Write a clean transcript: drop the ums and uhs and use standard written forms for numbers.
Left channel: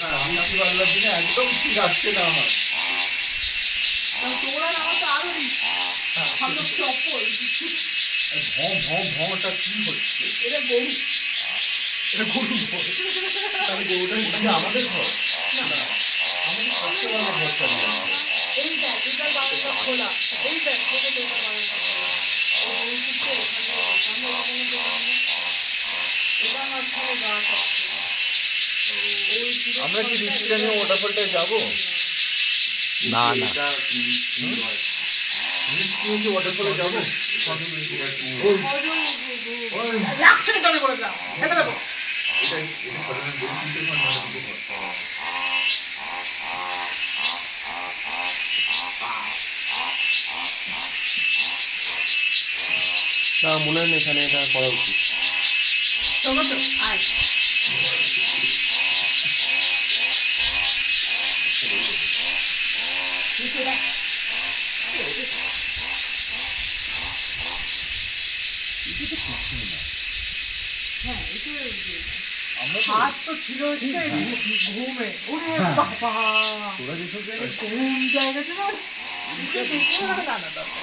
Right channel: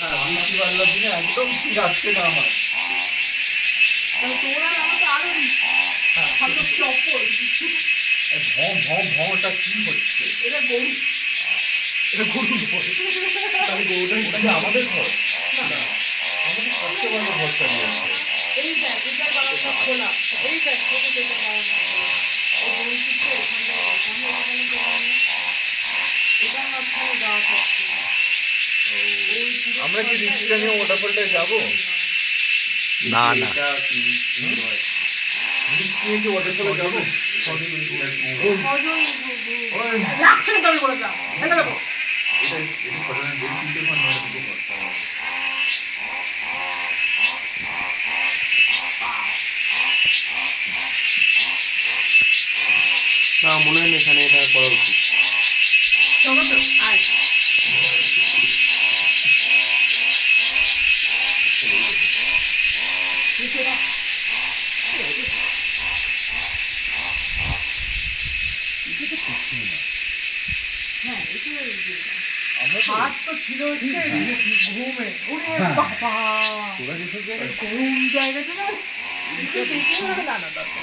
হ্যাঁ বৃষ্টি বাদলার দিনে একদম ঠিক আসছে না আমার। তোমরা আমার তো আরো हम लोग चौपल ভম ভম ভমটা কি হচ্ছে? এটা গরু এটা গরু ঘর। তাহলে গরুটা আমাদের ঘর, আমাদের কষ্ট করে ঘরটা নিয়ে আসবে। এই দেখ এটা বারো খোলা এই দেখ এটা বারো এটা মাঝখানে গাছ আছে। আমরা কি রিস্কটা নিয়ে ওয়াটারফলটায় যাবো? না না রিস্ক নিয়ে কি ওয়াটারফলে যাবো? লাগছে না কেন বলে যা এটা লাগো এটাই এটা সাধারণ দেড় তিনটে মান হয় না মনে হয় না এখানে এটা করা উচিত। চলো তো আয় সেটা হ্যাঁ এটা আমরা তো হাত তো ছিল হচ্ছে ঘুমে ওরে বাবা তোরা যেসব জায়গায় ঘুম জায়গাতে না দেখে না দরকার